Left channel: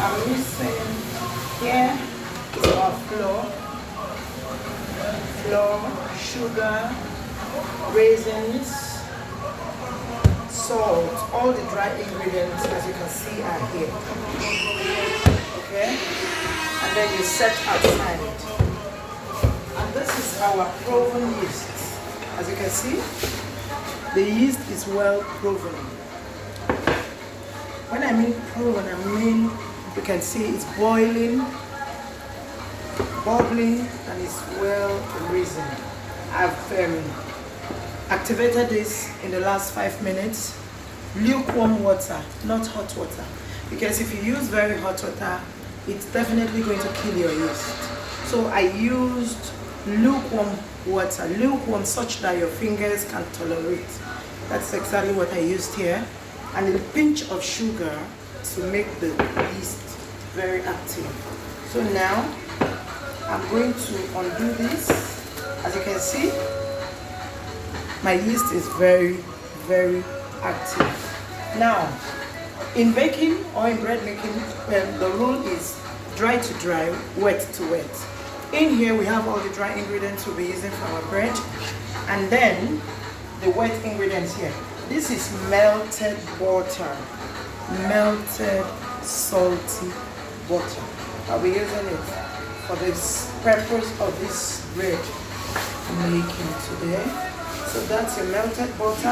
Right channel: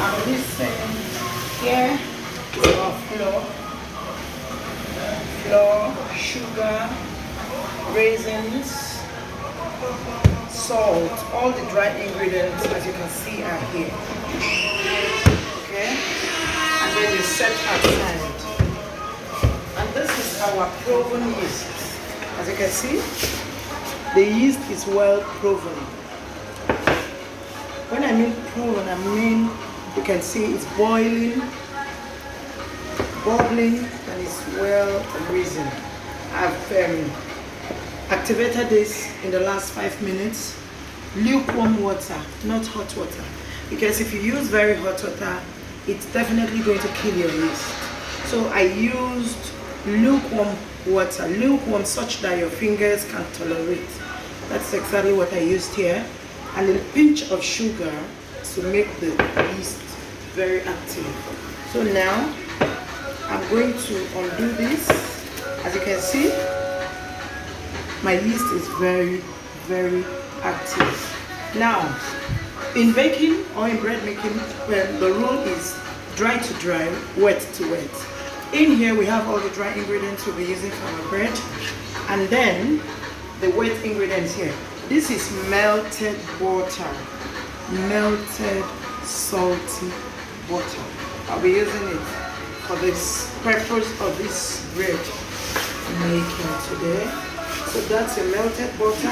I'm mixing here is our flour, sugar, raisins, salt. All the dry ingredients, as you can see, are here. Okay, and then you set aside. And this is our proven yeast. As you can see, the yeast is well proven. When I mean proven, I mean you can see it's boiling, bubbling, and it's well risen. I've activated this in the last 5 minutes. Lukewarm water, not hot water, because if you use very hot water, it's definitely going to kill your yeast. So I used lukewarm water, lukewarm such that your fingers can tolerate. That's exactly what I used here. And a pinch of sugar to make the yeast very active. So now I'm going to undo this. As you can see, my yeast is very, very active. Now, in baking or in bread making, the rule is dry to dry, wet to wet. In here we have all the dry ingredients we'll be using for our bread, and then the wet ingredients here. This is melted butter, melted salty butter. I'll be using it for this purpose of this bread making today. So that's a melted butter.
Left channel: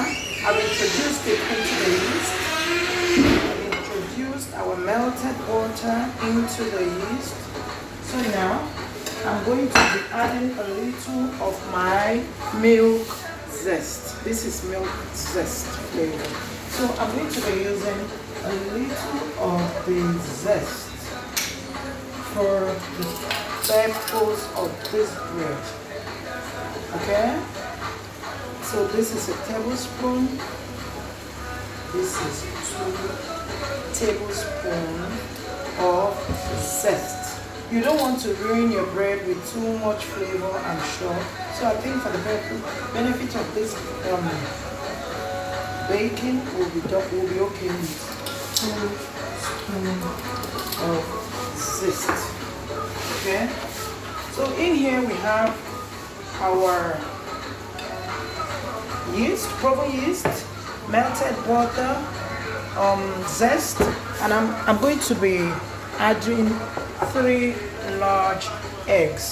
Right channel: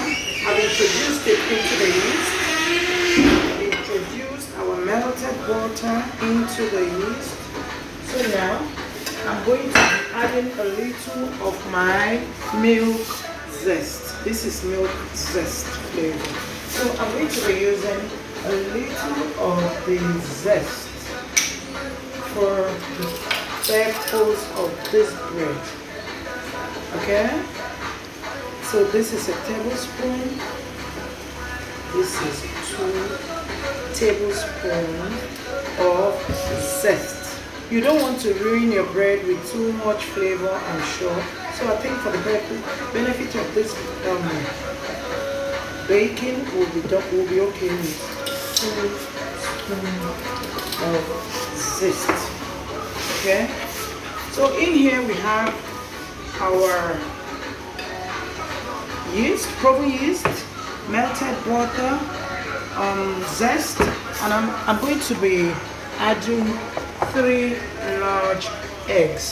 I've introduced it into the yeast. Introduced our melted butter into the yeast. So now I'm going to be adding a little of my milk zest. This is milk zest flavor. So I'm going to be using a little of the zest for the purpose of this bread. Okay? So this is a tablespoon. This is 2 tablespoons of zest. You don't want to ruin your bread with too much flavor, I'm sure. So I think for the benefit of this baking, will be okay with 2 spoons of zest. Okay. So in here we have our yeast, proven yeast, melted butter, zest, and I'm going to be adding 3 large eggs.